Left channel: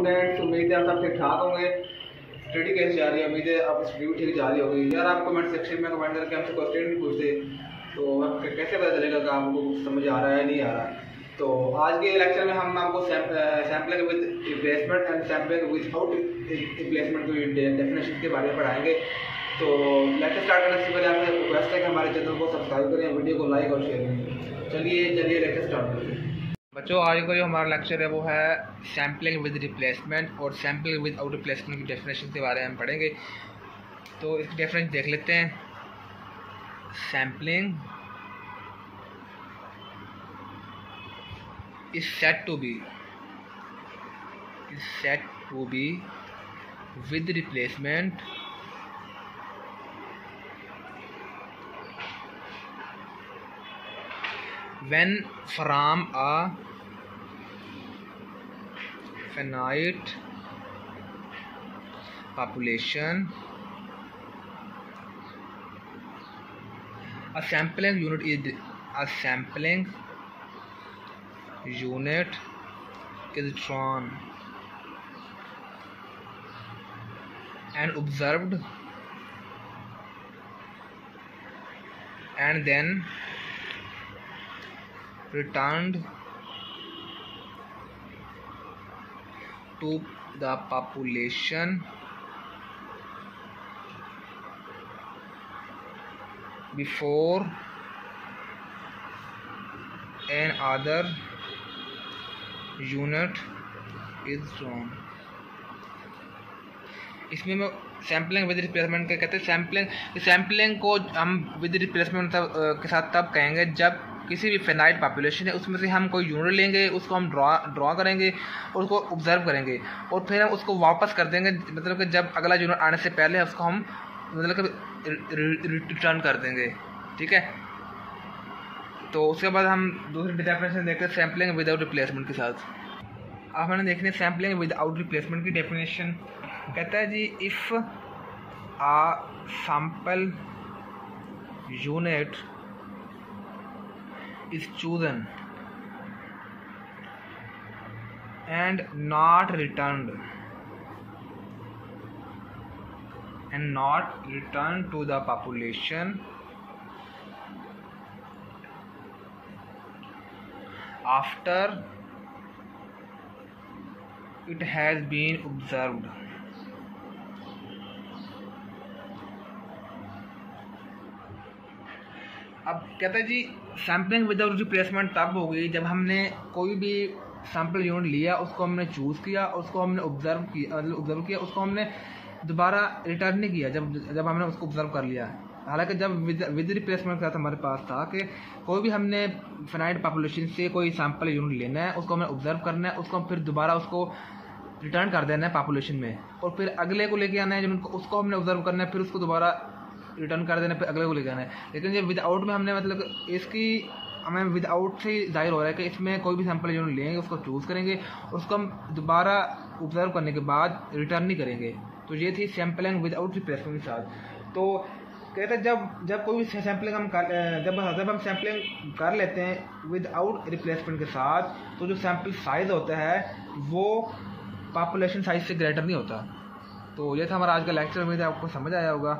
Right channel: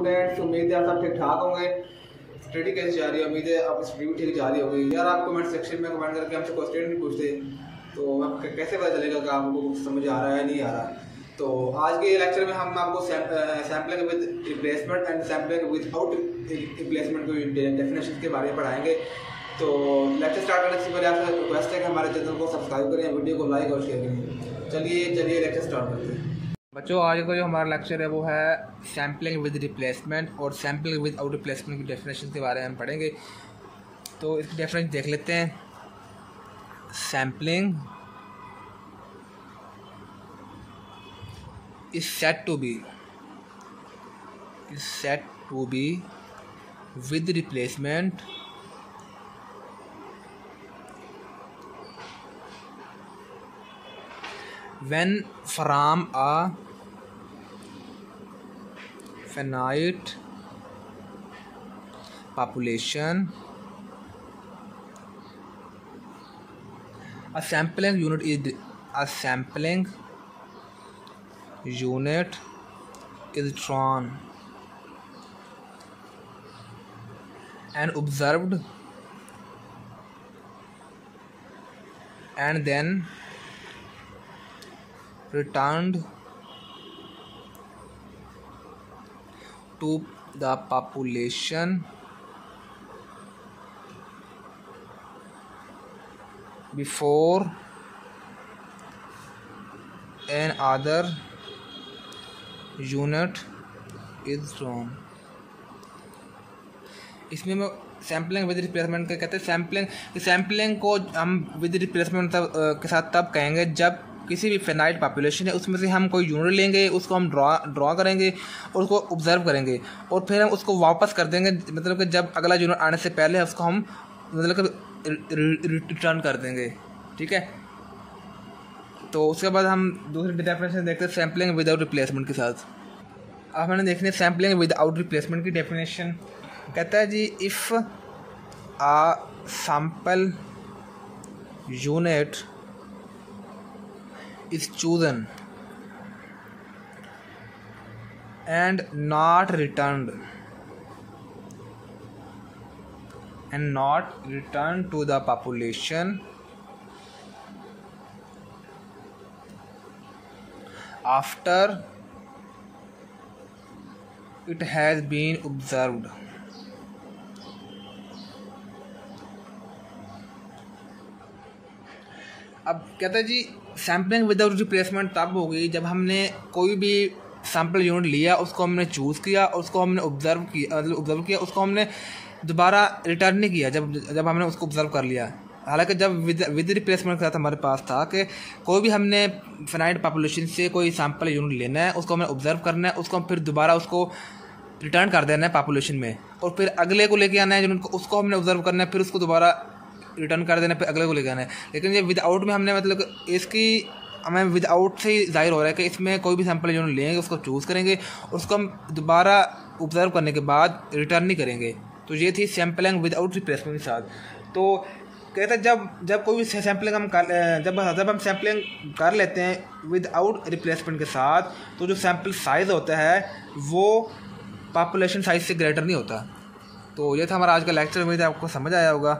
Students, उम्मीद है आप सब ठीक ठाक होंगे। स्टडी कैसे जा रही है? उम्मीद है आप स्टडी भी ठीक जा रही होगी। यार आप कमेंट सेक्शन में कमेंट करके हमसे क्वेश्चन नहीं पूछते तो कैसे पता चलेगा कि आपको समझ आ रहा है नहीं आ रहा। तो आज के लेक्चर में हम आपको sampling with replacement and sampling without replacement की डेफिनेशन के बारे में पढ़ाएंगे। तो लेक्चर स्टार्ट करने से पहले आपसे रिक्वेस्ट है कि हमारे चैनल को सब्सक्राइब करें, वीडियो को लाइक और शेयर करें। चलिए लेक्चर स्टार्ट करते हैं। बच्चों, आज का जो हमारा लेक्चर है वो है सैम्पलिंग विद रिप्लेसमेंट और सैम्पलिंग विद आउट रिप्लेसमेंट की डेफिनेशन के बारे में हम पढ़ेंगे। तो इसकी डेफिनेशन देख लेते हैं। Sampling is said to be with replacement when from a finite population a sampling unit is drawn and observed and then returned to the population before another unit is drawn. इसमें मैं sampling with replacement के कहते हैं। Sampling को हम with replacement के साथ तब कहेंगे जब किसी भी फिनाइट पॉपुलेशन है उसमें से हम कोई यूनिट लेंगे, उसको हम ड्रॉ करेंगे और उसको ऑब्जर्व करेंगे और फिर हम उसको वापस कर देंगे। मतलब कि जब अगला यूनिट आने से पहले उसको हम मतलब कि रिटर्न कर देंगे। ठीक है, तो उसके बाद हम दूसरी डेफिनेशन देखते हैं सैम्पलिंग विदाउट रिप्लेसमेंट के साथ। अब मैंने देखने सैम्पलिंग विदाउट रिप्लेसमेंट की डेफिनेशन कहता है जी, if a sample unit is chosen and not return to the population after it has been observed अब कहता है जी सैम्पलिंग विदाउट रिप्लेसमेंट तब होगी जब हमने कोई भी सैम्पल यूनिट लिया, उसको हमने चूज़ किया, उसको हमने ऑब्जर्व किया, उसको हमने दोबारा रिटर्न नहीं किया जब हमने उसको ऑब्जर्व कर लिया। हालांकि जब विद रिप्लेसमेंट के साथ हमारे पास था कि कोई भी हमने फिनाइट पॉपुलेशन से कोई सैम्पल यूनिट लेना है, उसको हमें ऑब्जर्व करना है, उसको फिर दोबारा उसको रिटर्न कर देना है पॉपुलेशन में और फिर अगले को लेके आना है जिनको उसको हमने ऑब्जर्व करना है, फिर उसको दोबारा रिटर्न कर देना है, फिर अगले को लेके आना है। लेकिन ये विदाउट में हमने मतलब इसकी हमें विदाउट से ही जाहिर हो रहा है कि इसमें कोई भी सैम्पल यूनिट लेंगे, उसको चूज़ करेंगे, उसको हम दोबारा ऑब्जर्व करने के बाद रिटर्न नहीं करेंगे। तो ये थी सैम्पलिंग विदाउट रिप्लेसमेंट के साथ। तो कहते हैं जब कोई भी सैम्पलिंग जब हम सैम्पलिंग कर लेते हैं विदाउट रिप्लेसमेंट के साथ, तो जो सैम्पल साइज़ होता है वो पॉपुलेशन साइज़ से ग्रेटर नहीं होता। तो ये था हमारा आज का लेक्चर। उम्मीद है आपको समझ आया होगा।